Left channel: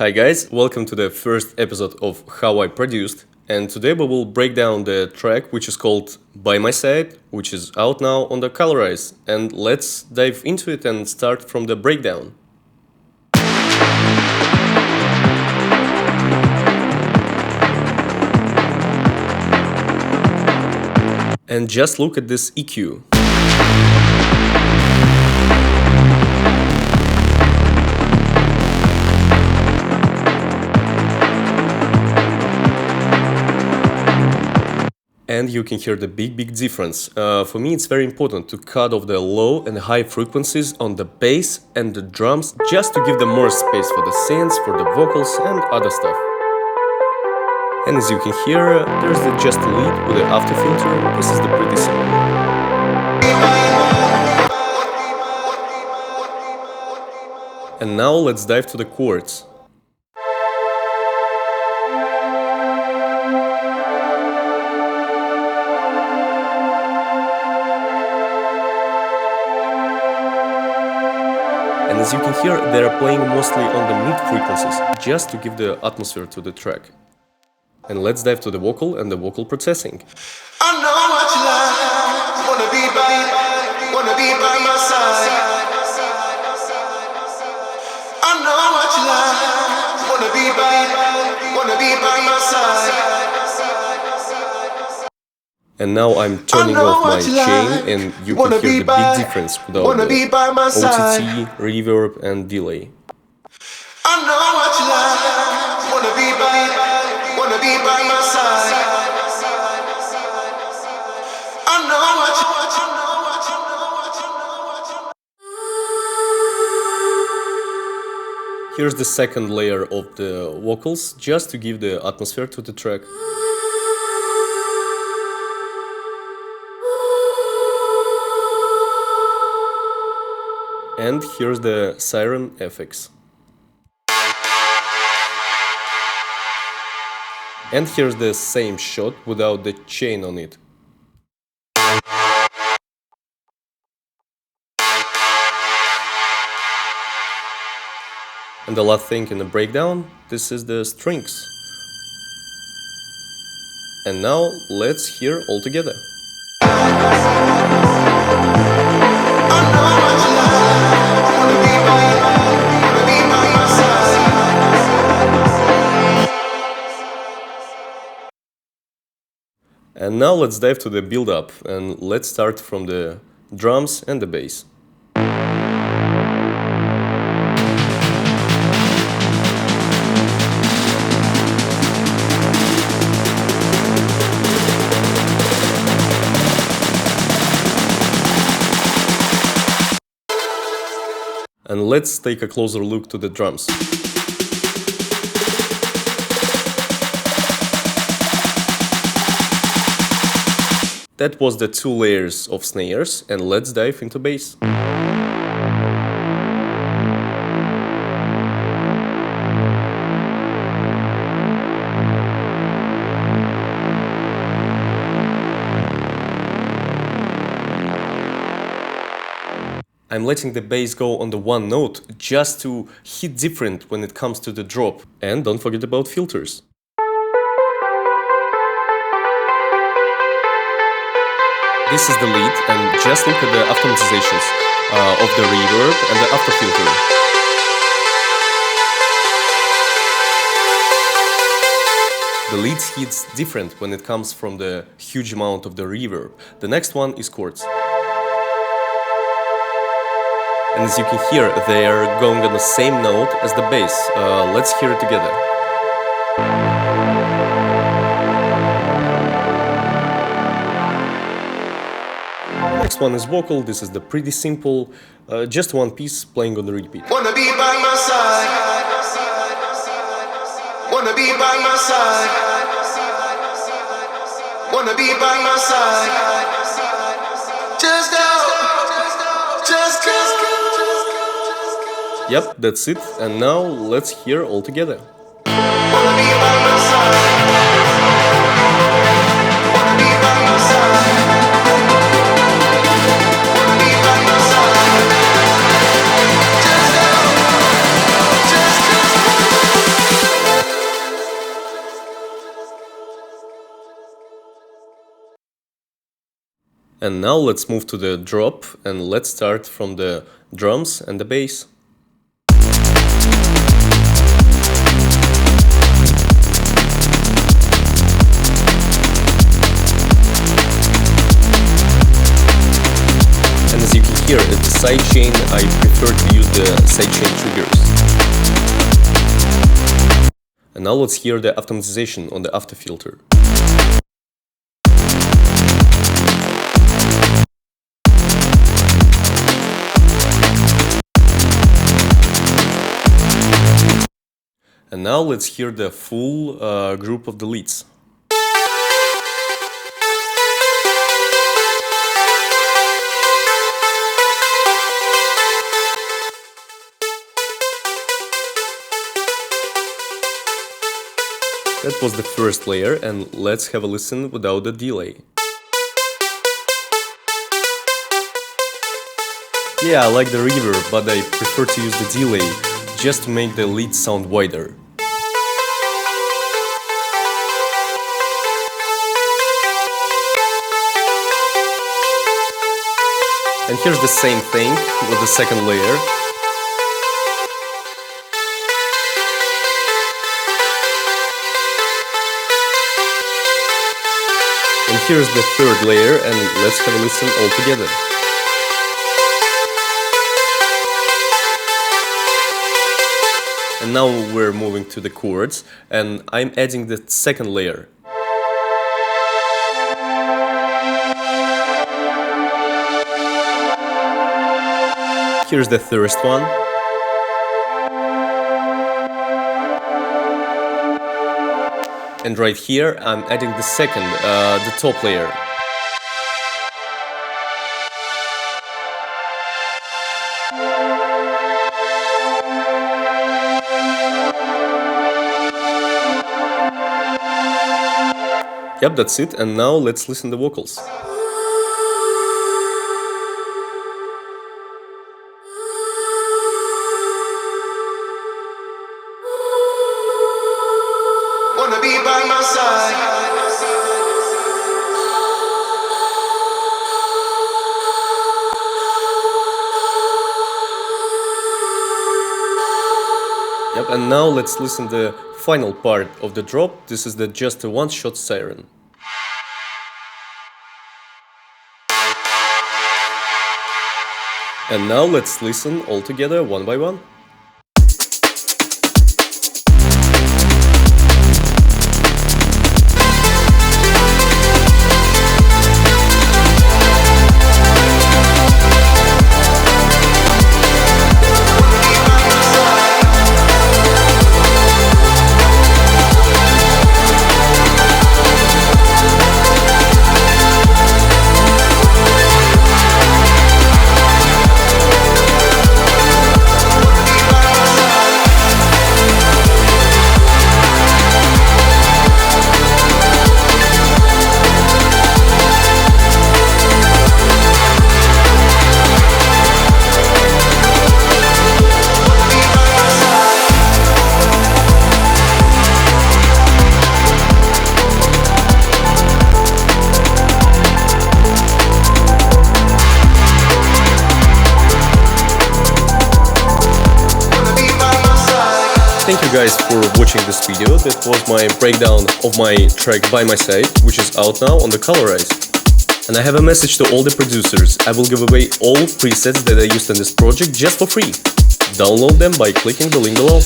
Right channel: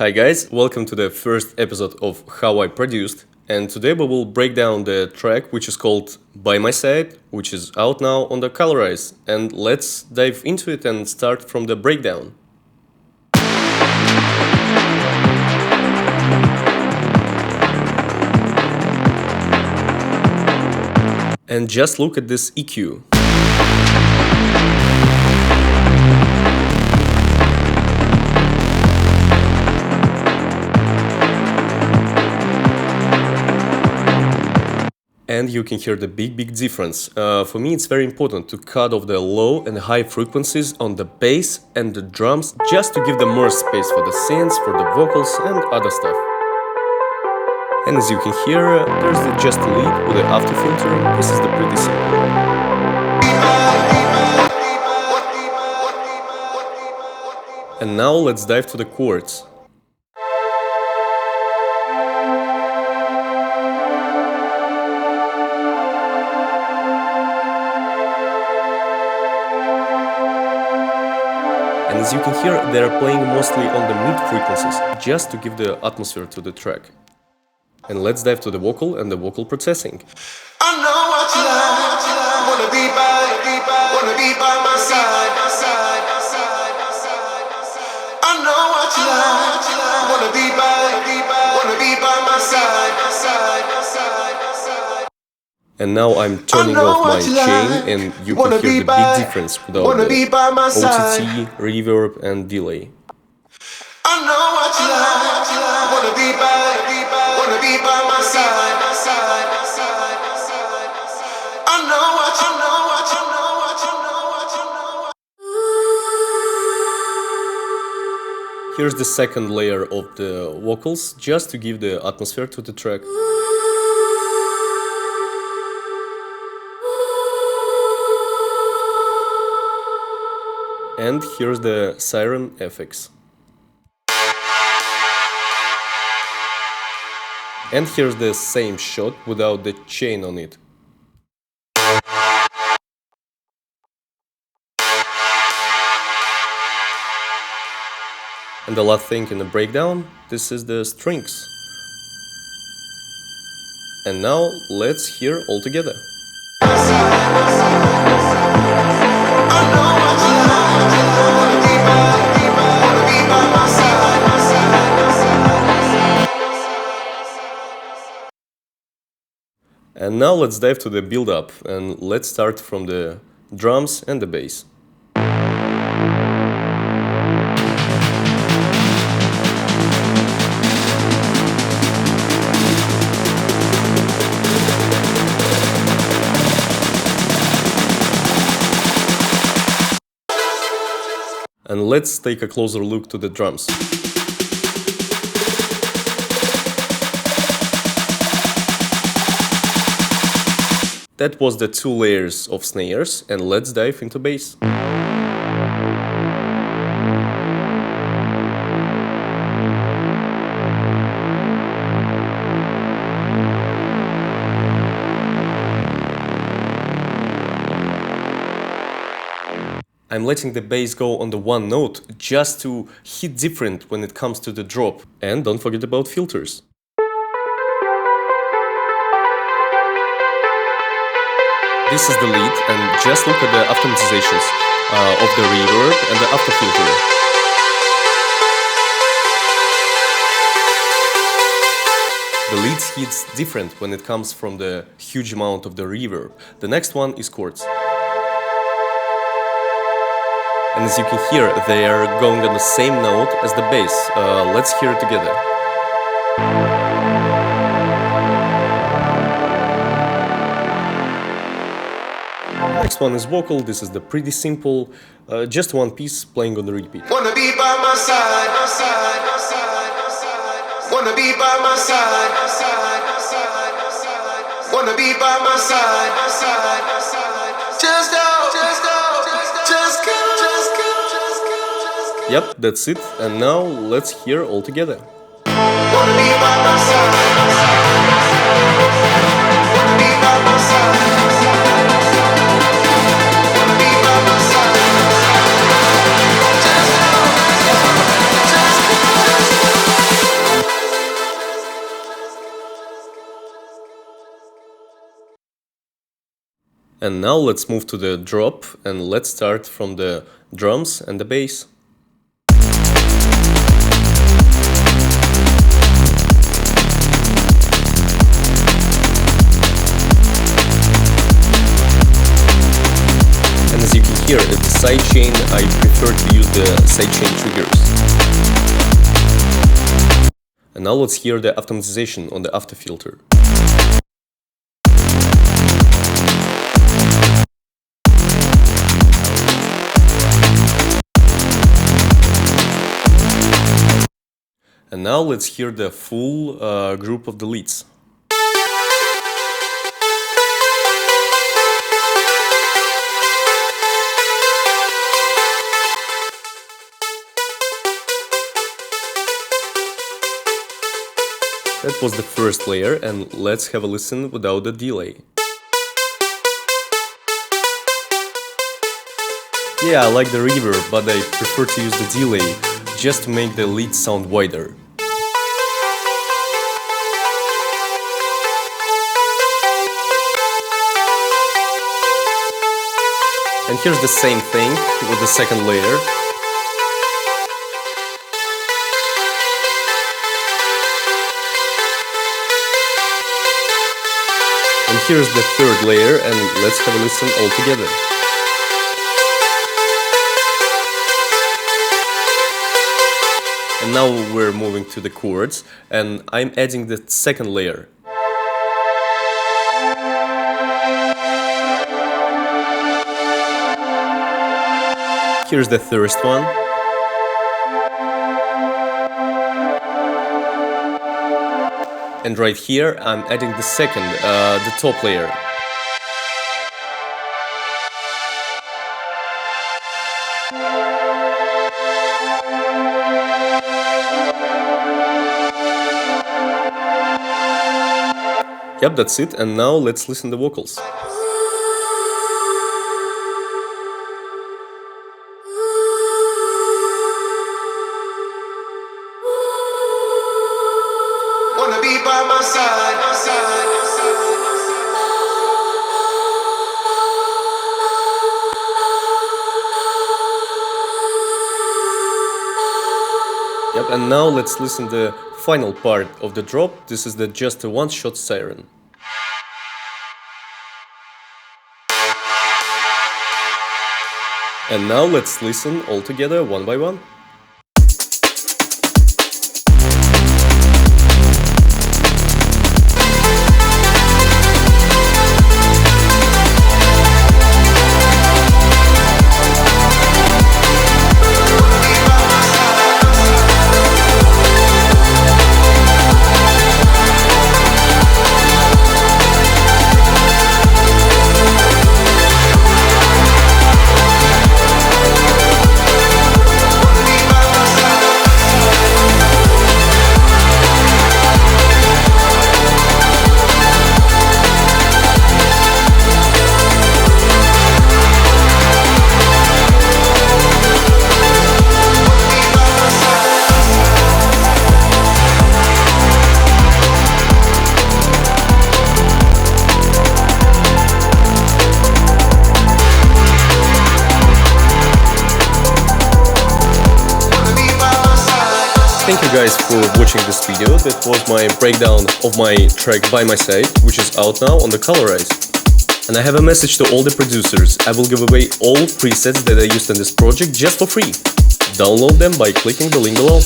Hi guys, welcome to the first episode of How I Produced, and today we will break down the track which is called By My Side, which is out now on the Colorize, and let's dive into it and start from the breakdown. And just look at this EQ. And you can hear the big difference. For me it's very important to cut off the low and high frequencies on the bass and the drums just to give them more space for the synths, for the vocals and other stuff. And as you can hear, there's just a lead with the after filter. This is the pretty simple. And now let's dive to the chords. And as you can hear, they are playing mostly on the mid frequencies, just to give the atmosphere to the track. And let's dive to the vocal and the vocal processing. I know what you like, wanna be by my side. I know what you like, wanna be by my side. And now I'm turning off my chain and you can hear the big difference without the OTT, reverb and delay. I know what you like, wanna be by my side. I know what you Here's the second layer of the vocals, just to give the atmosphere to the track. And here's the siren FX. And here's the same shot without the chain on it. And the last thing in the breakdown, this is the strings. And now let's hear all together. And now let's dive to the build-up, and let's start from the drums and the bass. And let's take a closer look to the drums. That was the two layers of snares, and let's dive into bass. I'm letting the bass go on the one note just to hit different when it comes to the drop. And don't forget about filters. This is the lead, and just look at the optimizations of the reverb and the after filter. The lead hits different when it comes from the huge amount of the reverb. The next one is chords. And as you can hear, they are going on the same note as the bass. Let's hear it together. Next one is vocal. This is the pretty simple, just one piece playing on the repeat. wanna be by my side. Wanna be by my side. Wanna be by my side. Just go. Just go. Yep, that's it. And now let's hear all together. Wanna be by my side. Wanna be by my side. Wanna be by my side. Just go. Just go. And now let's move to the drop and let's start from the drums and the bass. And as you can hear, at the sidechain, I prefer to use the sidechain triggers. And now let's hear the automatization on the after filter. And now let's hear the full group of the leads. That was the first layer, and let's have a listen without the delay. Yeah, I like the reverb, but I prefer to use the delay, just to make the lead sound wider. And here's the same thing with the second layer. And here's the third layer, and let's have a listen all together. And now we're moving to the chords, and I'm adding the second layer. Here's the first one. And right here, I'm adding the second, the top layer. Yep, that's it, and now let's listen to the vocals. Wanna be by my side. Yep, and now let's listen to the final part of the drop. This is just a one-shot siren. And now let's listen all together one by one. Thank you guys for watching this video. That was my breakdown of my track By My Side, which is out now on the Colorize. And I have a message to all the producers. I will give away all presets that I used in this project just for free. Download them by clicking the link below.